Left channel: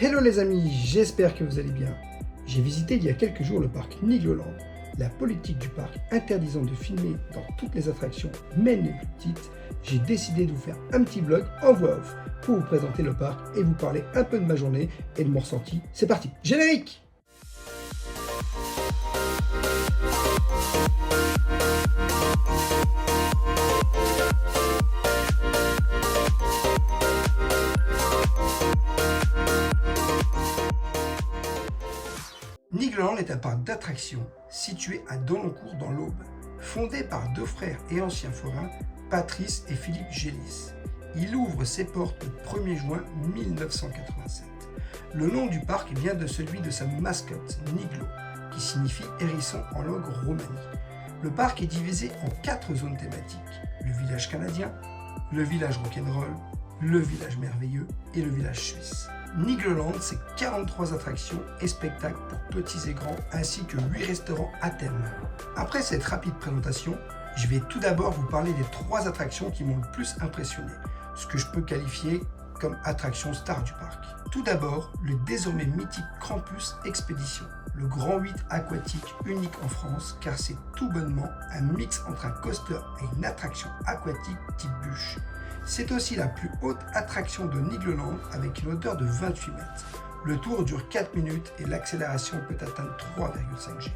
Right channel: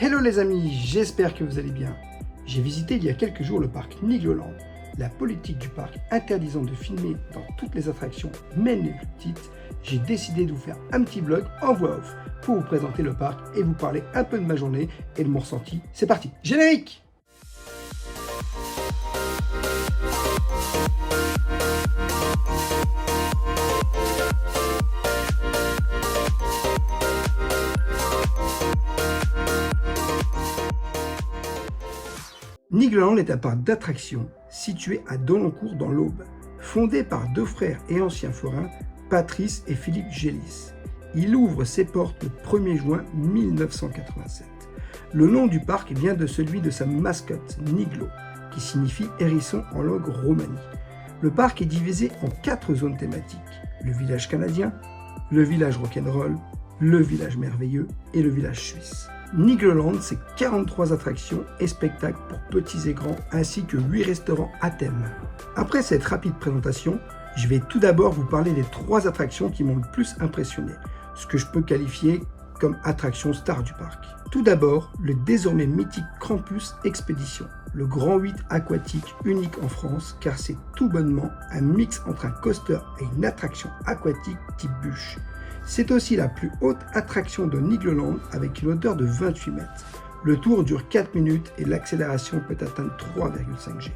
Hello les amis, j'espère que vous allez bien. J'ai visité il y a quelques jours le parc Nigloland. La politique du parc interdisant de filmer dans toutes les attractions, même les plus petites, j'ai décidé de vous faire un petit vlog en voix off pour vous présenter le parc et vous parler un peu de ma journée et de mon ressenti. C'est parti, générique! Nigloland est un parc d'attractions situé à Dolencourt dans l'Aube, fondé par deux frères et anciens forains, Patrice et Philippe Gélis. Il ouvre ses portes le 1er juin 1987. Le nom du parc vient de celui de sa mascotte, Niglo, qui signifie hérisson en langue romanie. Le parc est divisé en 4 zones thématiques: le village canadien, le village rock'n'roll, le village merveilleux et le village suisse. Nigloland, c'est 43 attractions et spectacles pour petits et grands, ainsi que 8 restaurants à thème. Après cette rapide présentation, je vais tout d'abord vous parler des 3 attractions qui m'ont le plus impressionné, ce que je peux qualifier comme attraction star du parc. Tout d'abord, le désormais mythique Krampus Expedition, le grand 8 aquatique unique en France, car c'est tout bonnement un mix entre un coaster et une attraction aquatique type bûche. C'est aussi la plus haute attraction de Nigloland avec une hauteur de 28 mètres. Le tour dure 4 minutes et l'accélération peut atteindre 3,5 G.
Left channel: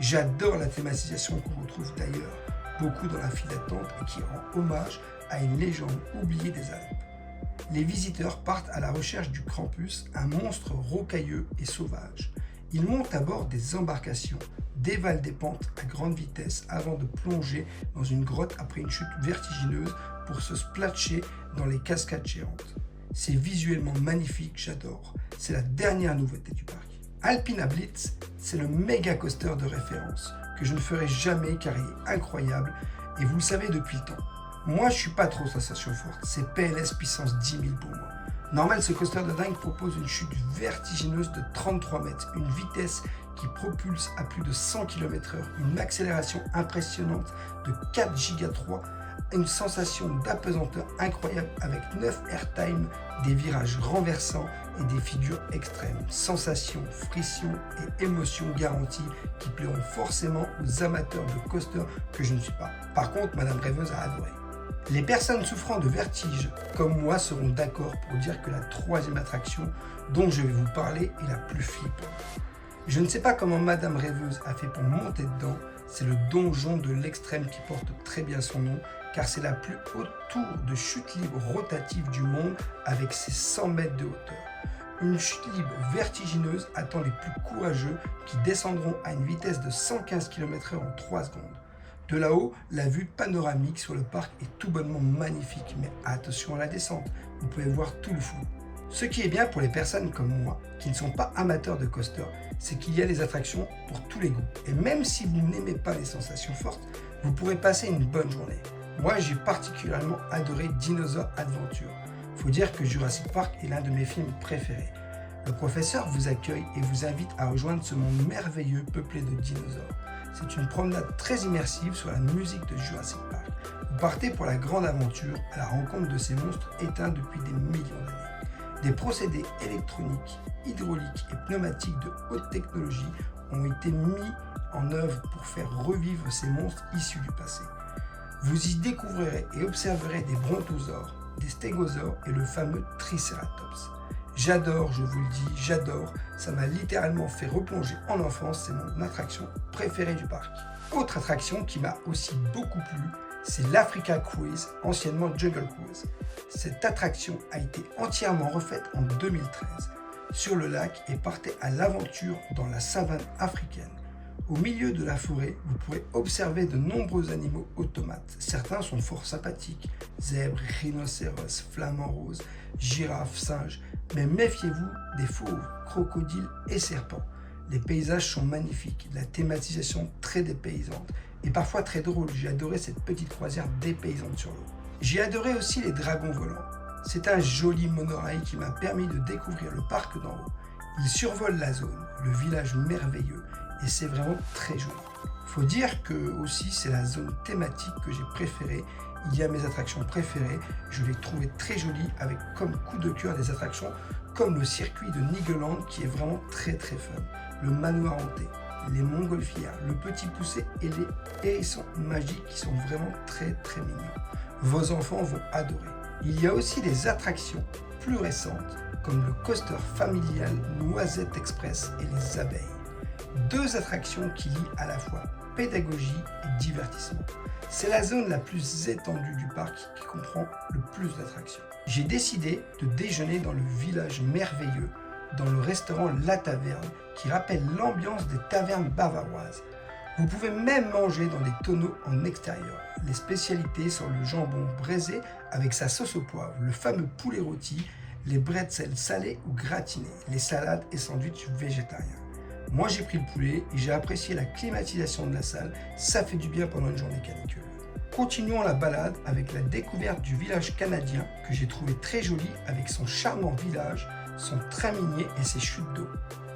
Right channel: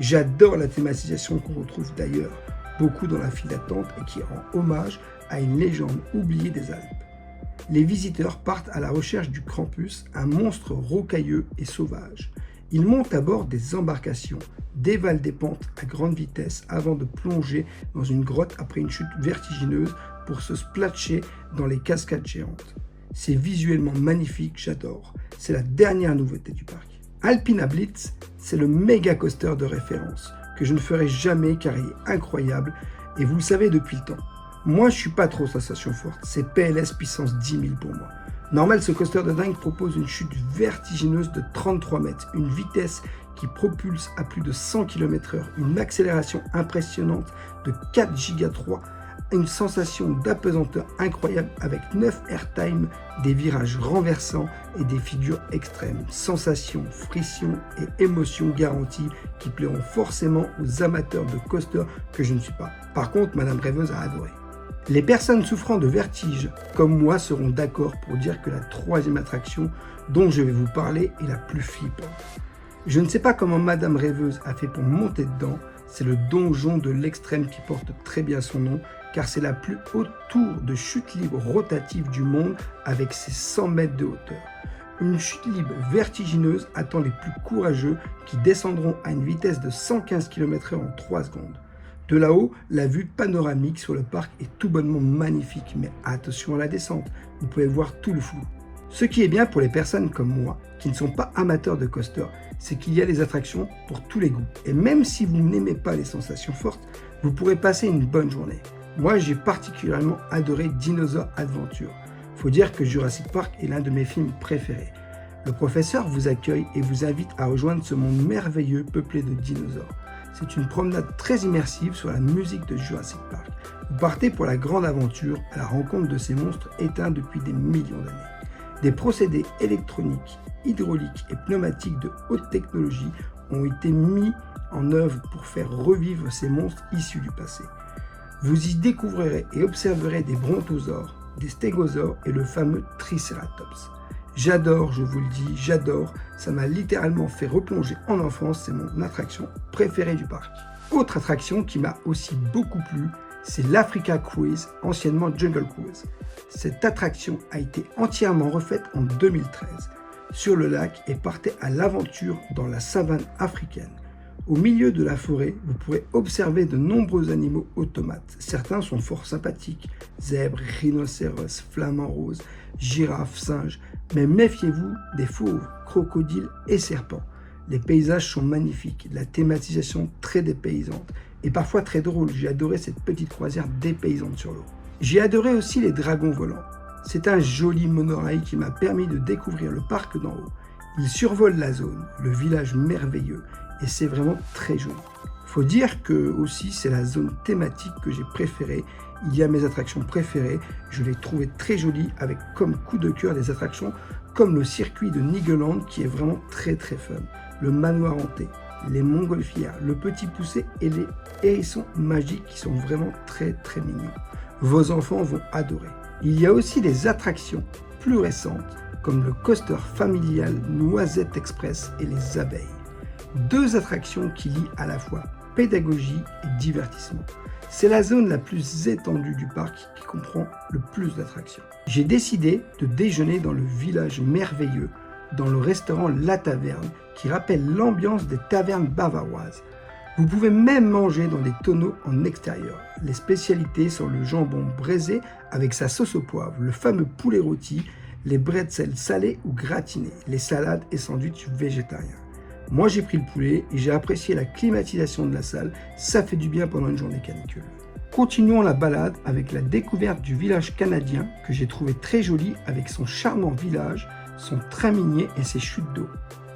J'adore la thématisation qu'on retrouve d'ailleurs beaucoup dans la file d'attente et qui rend hommage à une légende oubliée des Alpes. Les visiteurs partent à la recherche du Krampus, un monstre rocailleux et sauvage. Ils montent à bord des embarcations, dévalent des pentes à grande vitesse avant de plonger dans une grotte après une chute vertigineuse pour se splatcher dans les cascades géantes. C'est visuellement magnifique, j'adore. C'est la dernière nouveauté du parc. Alpina Blitz, c'est le méga coaster de référence que je ne ferai jamais car il est incroyable et vous le savez depuis le temps. Moi, je suis pas trop sensation forte, c'est PLS puissance 10 000 pour moi. Normal, ce coaster de dingue propose une chute vertigineuse de 33 mètres, une vitesse qui propulse à plus de 100 km/h, une accélération impressionnante de 4 Giga 3, une sensation d'apesanteur incroyable avec 9 airtime, des virages renversants et des figures extrêmes. Sensations, frictions et émotions garanties qui plairont forcément aux amateurs de coaster que je ne suis pas. Par contre, Madame Rêveuse a adoré. Les personnes souffrant de vertige comme moi seront d'accord pour dire que la 3e attraction dont je vais vous parler est la plus flippante. Je ne sais pas comment Madame Rêveuse a fait pour monter dedans, c'est le donjon de l'extrême qui porte très bien son nom, car c'est la plus haute tour de chute libre rotative du monde avec ses 100 mètres de hauteur. Une chute libre vertigineuse attend les plus courageux qui descendront à une vitesse de 115 km/h en 3 secondes. De là-haut, la vue panoramique sur le parc est tout bonnement magnifique, mais attention à la descente, vous pouvez voir tout le flou. Ce qui est bien pour les personnes comme moi, qui ne sont pas amateurs de coaster, c'est qu'il y a des attractions pour tous les goûts. Et même si vous n'aimez pas les sensations fortes, vous pourrez passer une bonne journée. Moi, j'ai particulièrement adoré Dinosaur Adventure. Faut dire que Jurassic Park est l'un de mes films préférés. Le professeur vous accueille et vous invite à rejoindre ce monde merveilleux peuplé de dinosaures. C'est une promenade très immersive sur la musique de Jurassic Park. Vous partez pour la grande aventure à la rencontre de ces monstres éteints depuis des millions d'années. Des procédés électroniques, hydrauliques et pneumatiques de haute technologie ont été mis en œuvre pour faire revivre ces monstres issus du passé. Vous y découvrirez et observerez des brontosaures, des stégosaures et le fameux Triceratops. J'adore, je vous le dis, j'adore, ça m'a littéralement fait replonger en enfance, c'est mon attraction préférée du parc. Autre attraction qui m'a aussi beaucoup plu, c'est l'Africa Cruise, anciennement Jungle Cruise. Cette attraction a été entièrement refaite en 2013 sur le lac et partait à l'aventure dans la savane africaine. Au milieu de la forêt, vous pourrez observer de nombreux animaux automates. Certains sont fort sympathiques, zèbres, rhinocéros, flamants roses, girafes, singes. Mais méfiez-vous des fauves, crocodiles et serpents. Les paysages sont magnifiques, la thématisation très dépaysante et parfois très drôle. J'ai adoré cette petite croisière dépaysante sur l'eau. J'ai adoré aussi les dragons volants. C'est un joli monorail qui m'a permis de découvrir le parc d'en haut. Il survole la zone, le village merveilleux et c'est vraiment très joli. Faut dire que aussi c'est la zone thématique que j'ai préférée. Il y a mes attractions préférées, je les trouvais très jolies avec comme coup de cœur des attractions comme le circuit de Nigloland qui est vraiment très fun, le manoir hanté, les montgolfières, le petit poussé et les hérissons magiques qui sont vraiment très mignons. Vos enfants vont adorer. Il y a aussi des attractions plus récentes comme le coaster familial Noisette Express et les abeilles. Deux attractions qui lient à la fois pédagogie et divertissement. C'est la zone la plus étendue du parc qui comprend le plus d'attractions. J'ai décidé de déjeuner dans le village merveilleux, dans le restaurant La Taverne, qui rappelle l'ambiance des tavernes bavaroises. Vous pouvez même manger dans des tonneaux en extérieur. Les spécialités sont le jambon braisé avec sa sauce au poivre, le fameux poulet rôti, les bretzels salés ou gratinés, les salades et sandwichs végétariens. Moi j'ai pris le poulet et j'ai apprécié la climatisation de la salle, ça fait du bien pendant une journée canicule. Continuons la balade avec la découverte du village canadien que j'ai trouvé très joli avec son charmant village, son train minier et ses chutes d'eau.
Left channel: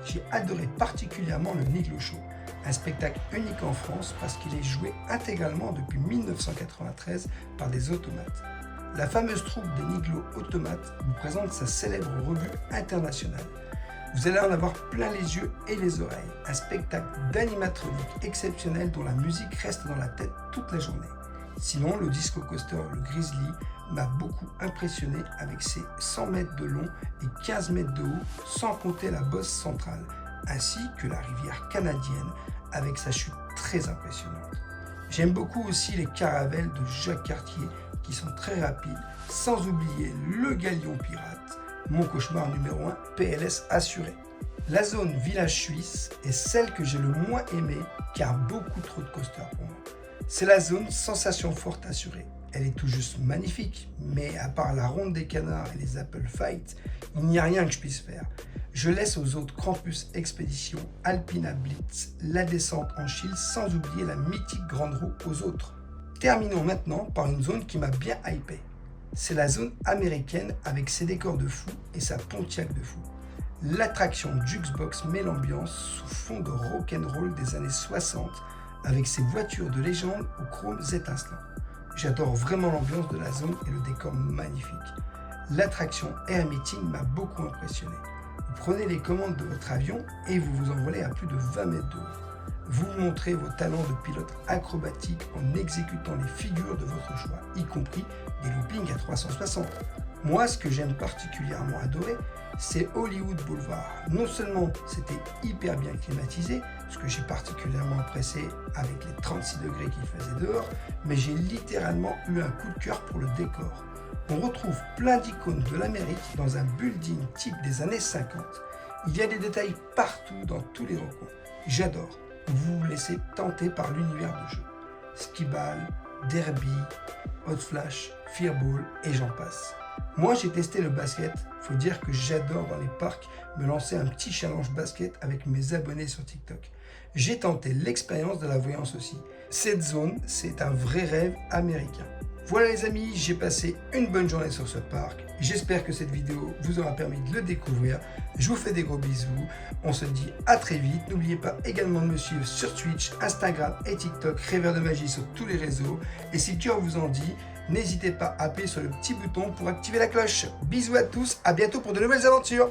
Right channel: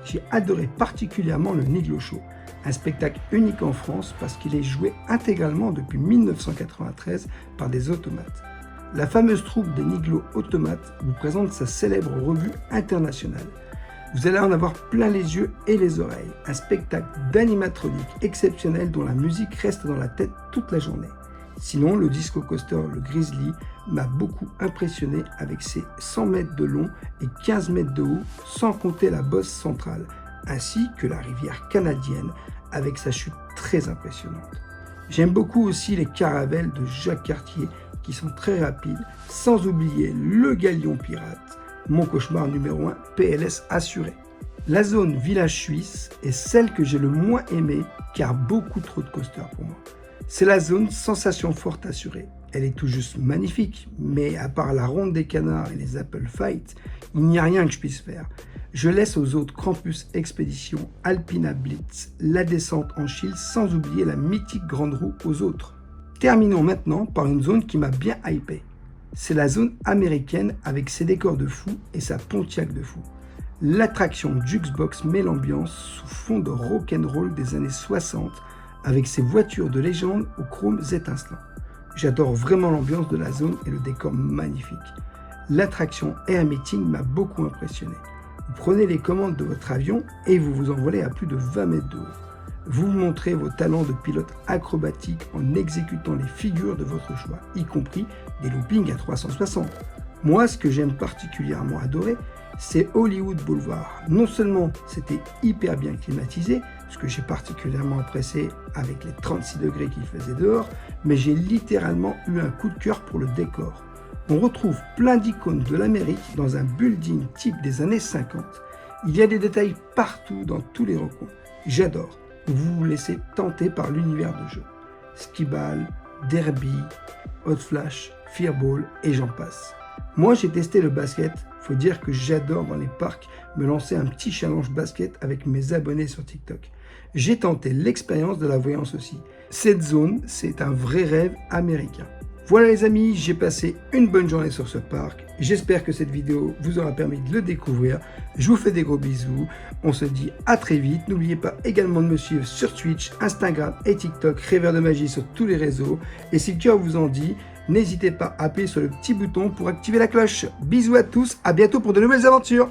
J'ai adoré particulièrement le Niglo Show, un spectacle unique en France parce qu'il est joué intégralement depuis 1993 par des automates. La fameuse troupe des Niglo Automates vous présente sa célèbre revue internationale. Vous allez en avoir plein les yeux et les oreilles, un spectacle d'animatronique exceptionnel dont la musique reste dans la tête toute la journée. Sinon, le disco coaster, le Grizzly, m'a beaucoup impressionné avec ses 100 mètres de long et 15 mètres de haut, sans compter la bosse centrale, ainsi que la rivière canadienne avec sa chute très impressionnante. J'aime beaucoup aussi les caravelles de Jacques Cartier qui sont très rapides, sans oublier le Galion Pirate, mon cauchemar numéro 1, PLS assuré. La zone village suisse est celle que j'ai le moins aimée car beaucoup trop de coasters pour moi. C'est la zone sensation forte assurée. Elle est tout juste magnifique, mais à part la ronde des canards et les Apple Fight, il n'y a rien que je puisse faire. Je laisse aux autres Krampus Expédition, Alpina Blitz, la descente en Chile, sans oublier la mythique grande roue aux autres. Terminons maintenant par une zone qui m'a bien hypé. C'est la zone américaine avec ses décors de fou et sa Pontiac de fou. L'attraction Jukebox met l'ambiance sous fond de rock'n'roll des années 60 avec ses voitures de légende aux chromes étincelants. J'adore vraiment l'ambiance de la zone et le décor magnifique. L'attraction Air Meeting m'a beaucoup impressionné. Vous prenez les commandes de votre avion et vous vous envolez à plus de 20 mètres de haut. Vous montrez vos talents de pilote acrobatique en exécutant les figures de votre choix, y compris des loopings à 360. Moi, ce que j'aime particulièrement adorer, c'est Hollywood Boulevard. Non seulement c'était hyper bien climatisé, ce que j'ai particulièrement apprécié avec les 36 degrés qu'il faisait dehors, mais j'ai littéralement eu un coup de cœur pour le décor. On retrouve plein d'icônes de l'Amérique dans un building type des années 50. Il y a des détails partout dans tous les recoins. J'adore. Vous vous laissez tenter par l'univers de jeu. Skiball, Derby, Hot Flash, Fearball et j'en passe. Moi j'ai testé le basket, faut dire que j'adore dans les parcs me lancer un petit challenge basket avec mes abonnés sur TikTok. J'ai tenté l'expérience de la voyance aussi. Cette zone, c'est un vrai rêve américain. Voilà les amis, j'ai passé une bonne journée sur ce parc. J'espère que cette vidéo vous aura permis de le découvrir. Je vous fais des gros bisous. On se dit à très vite. N'oubliez pas également de me suivre sur Twitch, Instagram et TikTok, Rêveur de Magie sur tous les réseaux. Et si le cœur vous en dit, n'hésitez pas à appuyer sur le petit bouton pour activer la cloche. Bisous à tous, à bientôt pour de nouvelles aventures.